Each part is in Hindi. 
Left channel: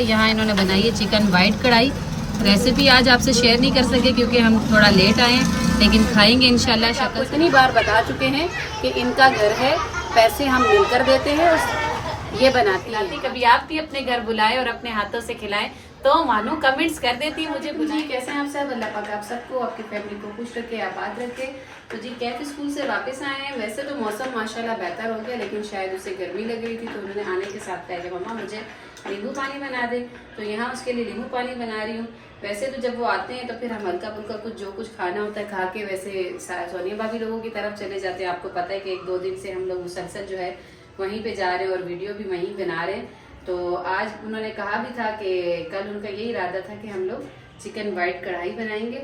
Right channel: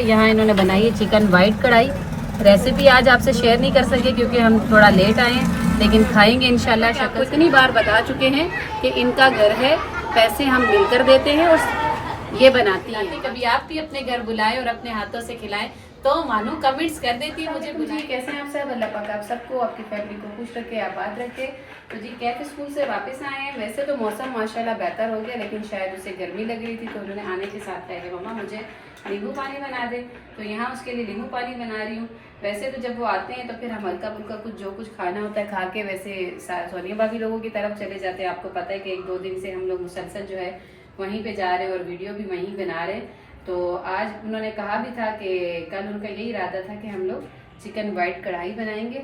गया। यहाँ इन्होंने बनाई है चिकन वाइट कढ़ाई। रेसिपी आज आपसे शेयर नहीं कर सके क्योंकि हम थोड़ा लेट आए हैं, लेकिन खाएंगे इंशाल्लाह। आपको इतनी बार बता चुके हैं कि इनका घर है, पैसे हम मिलकर देते हैं और ये बनाती है। कभी आप भी अपने घर बुलाए और अपने हाथों से खिलाएं तो मानो कमेंट्स कर देती है मुझे। जी कैसे हैं आप सब? अल्लाह पाक आप सबको, आपकी फैमिली को खुश रखे, आबाद रखे। तो जी कैफ स्कूल से वापस आए हैं। वैसे तो मौसम माशाल्लाह बेहतर हो गया, लेकिन शायद उसे गर्मी लग रही थी तो उन्होंने आने के साथ कहा कि मम्मा मुझे नींबू पानी बना दे, तो यहाँ उसके लिए नींबू पानी बना रही हूँ। वैसे तो जब वो आते हैं तो फिर हम हल्का फुल्का कुछ जो कुछ खाना होता है खा के वैसे सोनिया भाभी लोगों की तरफ चले जाते हैं। आपको पता है कि 1-2 दिन से हम लोग मुसलसल जो है वहीं पे जा रहे हैं और वीडियो भी वहीं बना रहे हैं। तो आज उन्होंने कहा भी था कि कल उनका यही इरादा था कि हम लोग चिकन वाइट कढ़ाई बनाएंगे,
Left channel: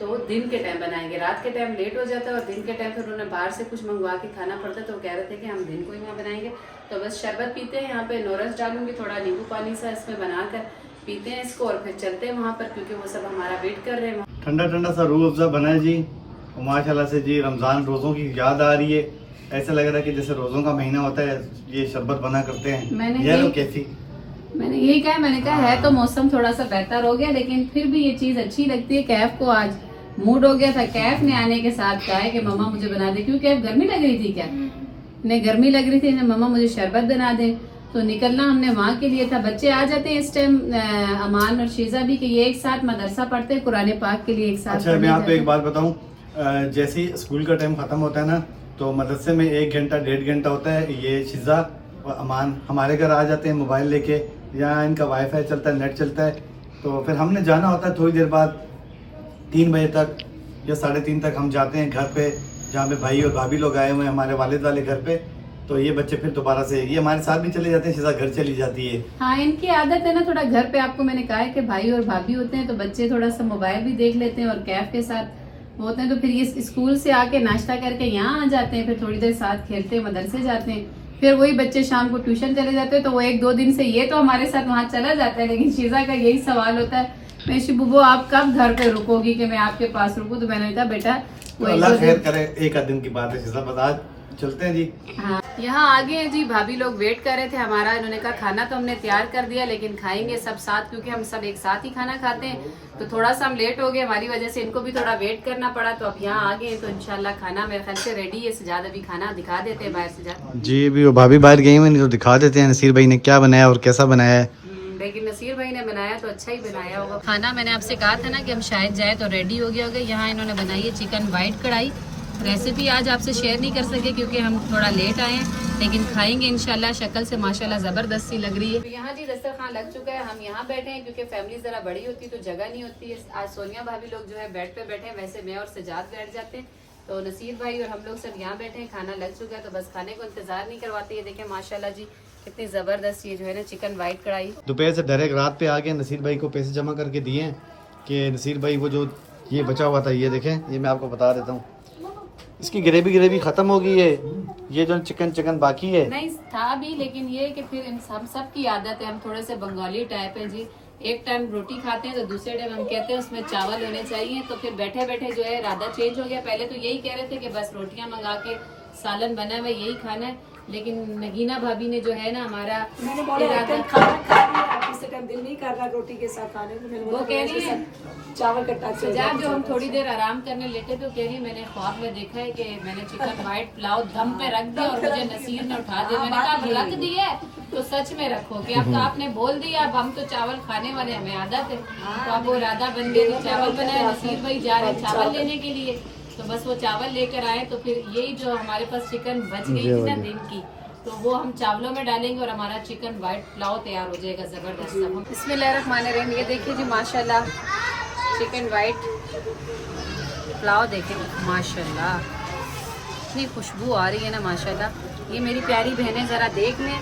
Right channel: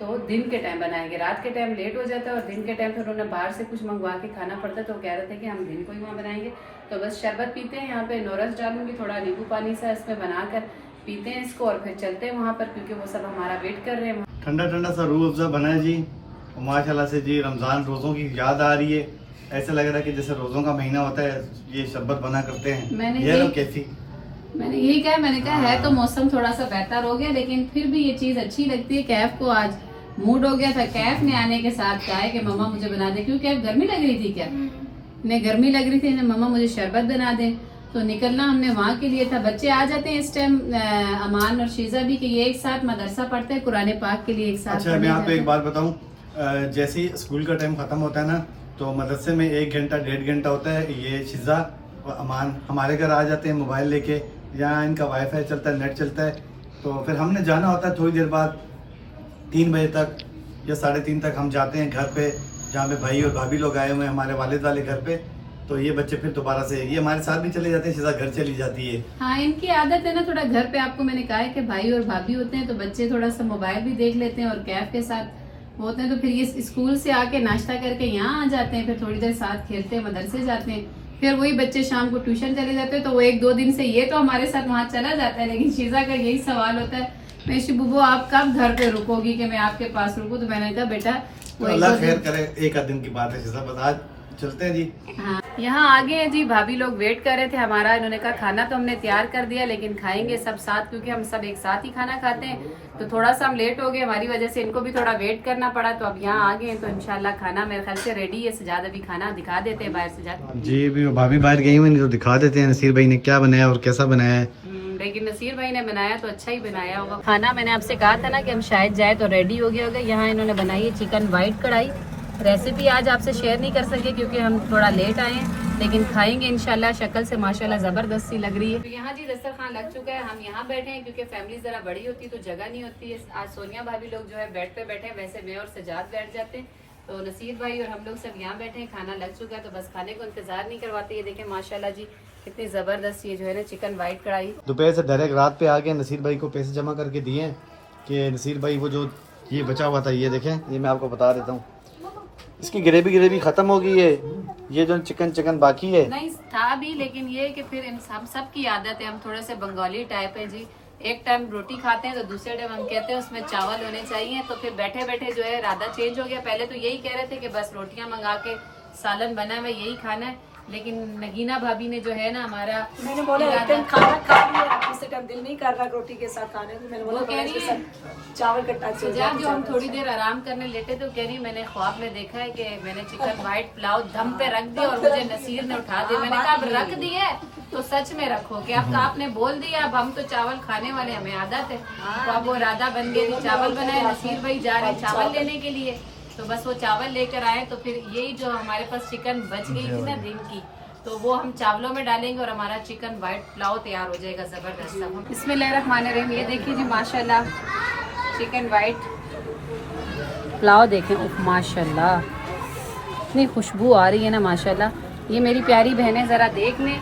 तो दिन के टाइम बनाएंगे। रात के टाइम लेट हो जाता है और दिन के टाइम फिर उन्होंने बाहर से कुछ मंगवा के खाना पड़ता, तो कह रहे थे कि हम दिन को ही यहाँ बनाएंगे। तो बस शरबत पीते हैं, यहाँ पे नोरस डालूंगी, थोड़ा नींबू पानी सा इसमें बनाकर पीते हैं इसको और फिर चलते हैं वहाँ पर, क्योंकि वो सब हमारा वेट कर रहे हैं। ठंडा ठंडा सा रूह अफ़ज़ा बना है जी, माशाल्लाह से जी। रमज़ान रोज़ों की याद आ रही है, ऐसा लग रहा है कि जैसे रोज़ों का महीना होता है ये शरबत बना करते हैं। मैंने यही कहा, मैंने कहा है तो मौसम थोड़ा सा बेहतर हो गया, लेकिन फिर भी ये चीज अच्छी लगती है। कैफ को आज मूड हो गया था, कैफ ने आने के साथ कहा है कि मम्मा मुझे बना दे, क्योंकि कैफ गर्मी लग रही थी। क्या ने गर्मी लग रही थी, मम्मा मुझे शरबत बना दे। तो निकलना हमने वहाँ के लिए था। बच्चे आ जाते हैं इस टाइम, अमान और शीजा भी, कि ये एक साथ मदरसा पढ़ते हैं, कुरान पाक के लिए एक साथ। अच्छा मैं यहाँ पे एक बात बताऊँ, जैसे ही स्कूल का टाइम खत्म होता है ना, तो मदरसे में 1 घंटा 1.5 घंटा होता है। ये शीजा और अमान हमारे घर आ जाते हैं मोबाइल लेके, यहाँ इनका वाईफाई चलता है, नेट चलता है। तो फिर हमने जाना होता है थोड़ी देर बाद, 3 बजे तक या 3:30 तक हम जाते हैं घर पे, जहाँ पे भाई और भाभी लोग आए हुए हैं हमारे वालिद वाले घर पे। तो ये बच्चे फिर दोबारा से ये हमारे साथ भी चले जाते हैं, शीजा घर चली जाती है। हाँ, इनकी आदत है ना थोड़ा घर पे। आपको मैंने कहा है कि भाई और भाभी होते हैं तो बच्चे थोड़ा सा मोबाइल भी देख लेते हैं और कैफ के साथ होते हैं। तो फिर ये स्कूल से आके नाश्ता करके यहाँ आ जाते हैं, फिर थोड़ी देर साथ खेलते हैं, मदरसे जाते हैं। फिर वही बच्चे शाम को ट्यूशन चले जाते हैं। तो वो 1-2 दिन से ये तो हमारे साथ वहाँ चला जाता है, लेकिन शीजा का यही सवाल होता है, मैं शिबू आप कब घर पे रुकोगी कि मैं आपके पास रुकूं? तो मैंने कहा बेटा अल्लाह खैर करे, 1 दिन की बात है शीजा, बता चलते हैं जी। हाँ, यहाँ आगे हैं जी, भाभी लोग वेट कर रहे थे हमारा। इन्होंने कहा खाना तो हमने तैयार कर दिया, लेकिन खाएंगे सब साथ, क्योंकि हम सब एक साथ ही खाना खाते हैं। तो थोड़ा सा हम लेट हो गए, हमारी वजह से इनको भी थोड़ा वेट करना पड़ा। तो अब यहाँ आ गए तो इंशाल्लाह खाना मेरे ख्याल से रेडी है। सजाद अभी खाना दिखा देते हैं बाहर से जाकर जी। अभी वो भाभी बाहर गई हुई, तो दिखा देते हैं नसीर भाई ने क्या बनाया और कैसा बनाया है। लेकिन नसीर भाई ने बनाया तो अच्छा ही बनाया होगा खाना। मैंने आपसे कहा था ना कि हम शायद जाए तो रेडी हो गया होगा। यहाँ इन्होंने बनाई है चिकन वाइट कढ़ाई। रेसिपी आज आपसे शेयर नहीं कर सके क्योंकि हम थोड़ा लेट आए हैं, लेकिन खाएंगे इंशाल्लाह। शक्ल से माशाल्लाह जबरदस्त सी लग रही है। तो यहाँ जी दस्तरखान लग चुका है, हम यहाँ बैठे हैं क्योंकि फैमिली जरा बड़ी होती है तो जगह नहीं होती है। आज सोनिया भाभी लोग जो है बेड पे बैठे हैं, वैसे मैं और सजाद बैठ जाते हैं। तो नसीर भाई और हम लोग सब यहाँ बैठे हैं, खाना लग चुका है, तो बस खाने को इंतजार नहीं करवाते। ये देखें माशाल्लाह जी कितनी जबरदस्त ये जो है ना चिकन वाइट कढ़ाई। दोपहर से डायरेक्ट रात पे आ गया, नसीर भाई को पैसे जमा करके दिए हैं कि नसीर भाई वो जो ये बचा हुआ था, ये देखें, ये मैं आपको बता देता हूँ, इसकी ग्रेवी खत्म हो गई है। ये जो चिकन बाकी है नहीं था भी, लेकिन ये कि फिर हम सब की आदत है, हम थोड़े से बंगाली टाइप है जी। एक टाइम रोटी खाते हैं तो दूसरे टाइम हम कहते हैं उसमें चावल होने चाहिए। तो फिर बैठे बैठे जो है इरादा चेंज हो गया। पहले तो यही कह रहे थे कि बस रोटियां मंगा के सालन बना हुआ यही खाना है, लेकिन नगीना भाभी ने जो है ना हमारा, मैंने बोला खाना खा लिया, किसी का दिल नहीं कर रहा रोटी के साथ खाने को। मैंने बोला कह रही है चावल का टच हो जाए। जो हम थोड़ी देर आराम करने लेटे तो कह रही मैंने ख्वाब में देखा है कि मैंने चिकन वाइट पुलाव दम पे रख दिया और मुझे नसीर ने उठा दिया। मैंने कहा अब रख दिया तो सच में रखो कि अब तो आपने बोल दिया, अब हम तो चावल खाने वाले, हमें आदत है। तो अब वो इरादा बन गई, चावल बनाए, नसीर भाई जा रहे चावल लेने के लिए। तो बस वो चावल लेकर आए, तो फिर यही जो हमारे पास चिकन बच गई थी ना दिन की, तो वो हम चावलों में डालेंगे और हमारा चिकन वाइट पुलाव तैयार हो जाएगा जबरदस्त। सब बिस्मिल्लाहिर्रहमानिर्रहीम। ये देखिए जी माशाल्लाह चिकन वाइट पुलाव देखें माशाल्लाह इतनी खुशबू आ रही है ना माशाल्लाह। ये मेरी प्यारी बहनें ज़रा देख लें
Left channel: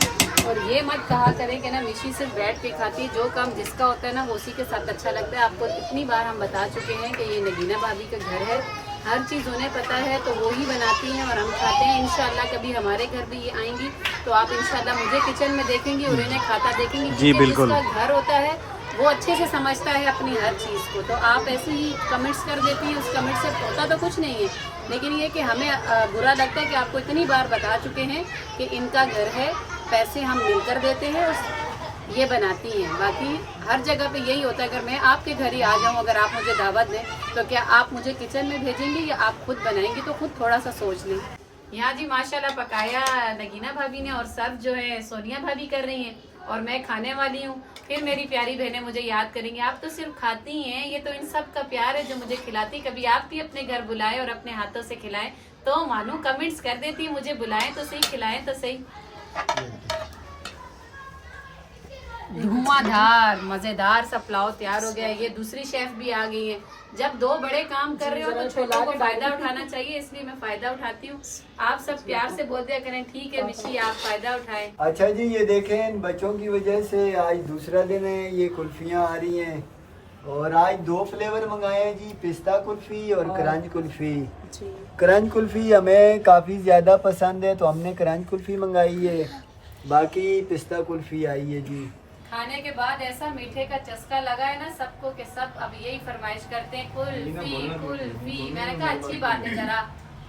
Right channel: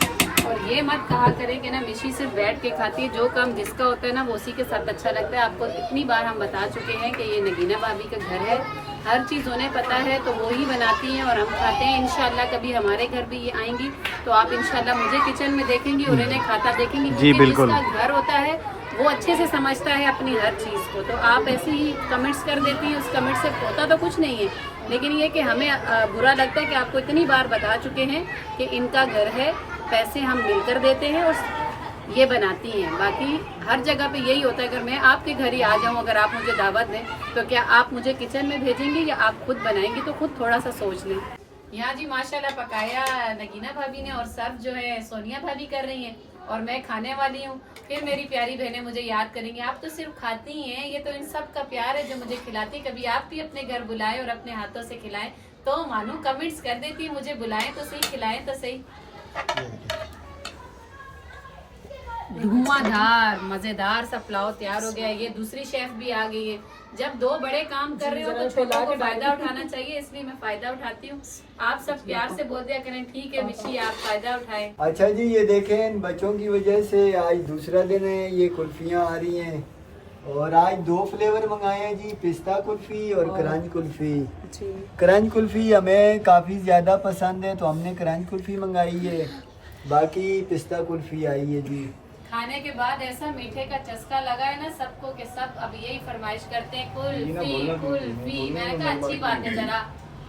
और ये मत कहा करें कि ना मिशी सिर्फ बैठ के खाती है। जो काम जिसका होता है ना वो उसी के साथ अच्छा लगता है। आपको इतनी बार हम बता चुके हैं कि ये नगीना भाभी का घर है, हर चीज़ उन्हें पता है, तो वो ही बनाती हैं और हम खाते हैं। इंशाल्लाह कभी हमारे घर भी ये आएंगी तो आप इंशाल्लाह मुझे किचन में देखेंगी और इन्हें खाता देखेंगी। जी बिल्कुल, जिसका घर होता है वो अच्छे से समझता है अपनी हर चीज़ को। तो आप ऐसे ही कमेंट्स कर देती हैं, उस कमेंट से होता तो कुछ नहीं है, लेकिन ये कि हमें बुरा लगता है कि आपको इतनी बार बता चुके हैं कि इनका घर है, पैसे हम मिलकर देते हैं और ये बनाती हैं। बाकी हर जगह पे यही होता है, अगर मैं आपके घर ही आ जाऊं, अगर आप मुझे दावत दें तो क्या आप मुझे किचन में भेजेंगे या आप खुद बनाएंगे, तो खुद थोड़ा सा सोच लें। यहाँ जी माशाल्लाह पकाया नगीना भाभी ने और सर्व जो है सोनिया भाभी कर रही हैं और मैं खाने वाली हूँ। फिर मेरी प्यारी बहनें मुझे याद करेंगी, आप तो सिर्फ खाती हैं, ये तो इन सब का प्यार है जो मुझे खिलाती। कभी आप भी अपने घर बुलाएं और अपने हाथों से खिलाएं तो मानो कमेंट्स कर देती, मुझे बुलाएं तो सही, खिलाएं तो सही। धुआंधार मजेदार सा पुलाव तैयार हो गया है। ये दूसरी शेफ भी आ गई है। जब दो बड़े काम कर रहे हो तो छोटों को फायदा उठाना चाहिए, इसलिए मैं फायदा उठाती हूँ। आप सब प्यार से बोल दिया करें, ठीक है मिशी आप फायदा उठाएं। अच्छा जी, ये देखें इन बच्चों की वजह से आज दूसरा दिन है, ये कुल्फियाँ आ रही हैं और आज 2 फ्लेवर मंगाए हैं जी, पिस्ता कुल्फी और क्रंच कुल्फी। क्रंच कुल्फी हमें काफ़ी ज़्यादा पसंद है तो हमने क्रंच कुल्फी मंगाई है, बाकी पिस्ता कुल्फी आई है जी। खाने के बाद ऐसा मीठे का चस्का लगा है ना सबको कि सब अब यही फरमाइश करते हैं कुल्फी कुल्फी। मैंने कहा अच्छी बात है, जरा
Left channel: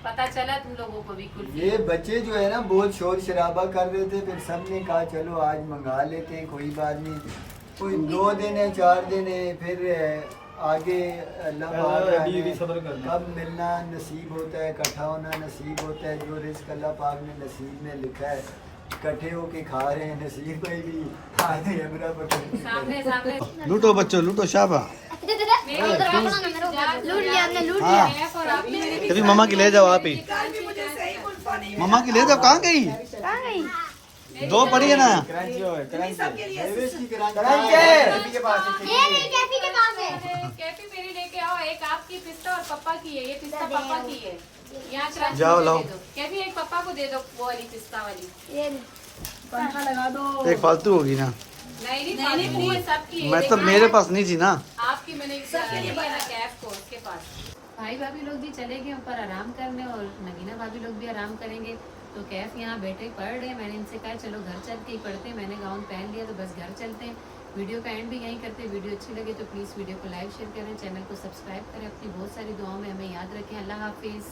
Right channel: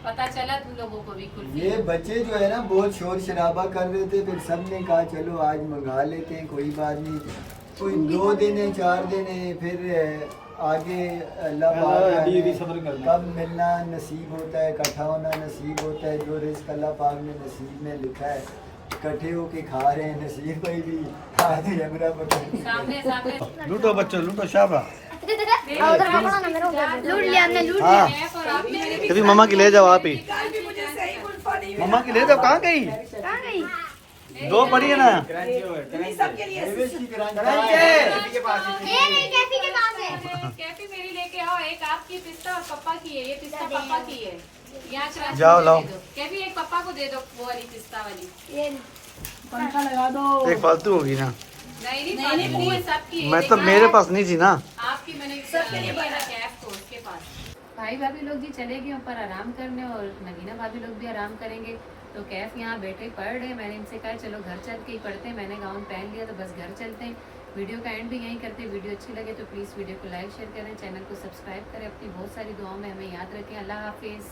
पता चला तुम लोगों को भी कुल्फी। ये बच्चे जो है ना बहुत शोर शराबा कर रहे थे, फिर सबने कहा चलो आज मंगा लेते हैं, कोई बात नहीं। कोई 2 दिन है 4 दिन है, फिर आगे अल्लाह पाक कब मिलना नसीब होता है, इकट्ठा होना नसीब होता है। जो रिस्क अल्लाह पाक ने नसीब में लिखा है, इकट्ठे होके खा रहे हैं। नसीब भाई भी सामने सामने लूटो बच्चों लूटो, शाबा। कभी मम्मा की ले जाओ, आप ही मम्मा की ले जाओ। कहाँ गई? 2 पड़ी है ना। कैफी मेरी लेके आओ, एक आपकी पिस्ता और पापा की है, ये पिस्ता पापा की है। यहाँ जाओ लाओ, कैफी एक पापा को दे दो वो वाली पिस्ता वाली। लगा दो। एक फालतू होगी ना। नहीं है सबकी है। मतलब मेरे पास नहीं थी ना। आपकी मैंने कैफ को उसके पास। भाई भाभी लोग भी चले गए ऊपर आराम करने और नगीना भाभी लोग भी आराम करेंगे, तो कैफ यहाँ बैठे पढ़ रहे। मैंने इनसे कहा चलो घर चल के ही पढ़ते हैं, मैंने गाउन पहन लिया तो बस घर चलते हैं। वीडियो का एंड भी यहीं करते हैं। वीडियो अच्छी लगे तो प्लीज़ वीडियो को लाइक शेयर करें, चैनल को सब्सक्राइब करें, अपनी बहुत सारी दुआओं में हमें याद रखें। अल्लाह हाफिज़।